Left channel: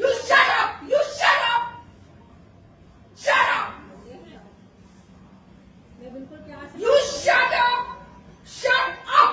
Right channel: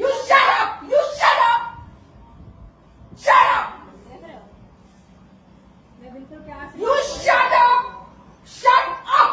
You shut up! You shut up! Shut up! You shut up! Shut up!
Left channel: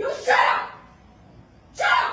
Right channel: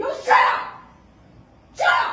You shut up! Shut up!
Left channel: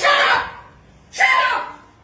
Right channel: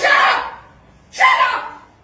shut up! Shut up!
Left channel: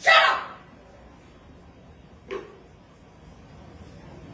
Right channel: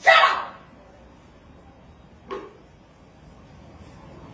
Shut up!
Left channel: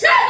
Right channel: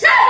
6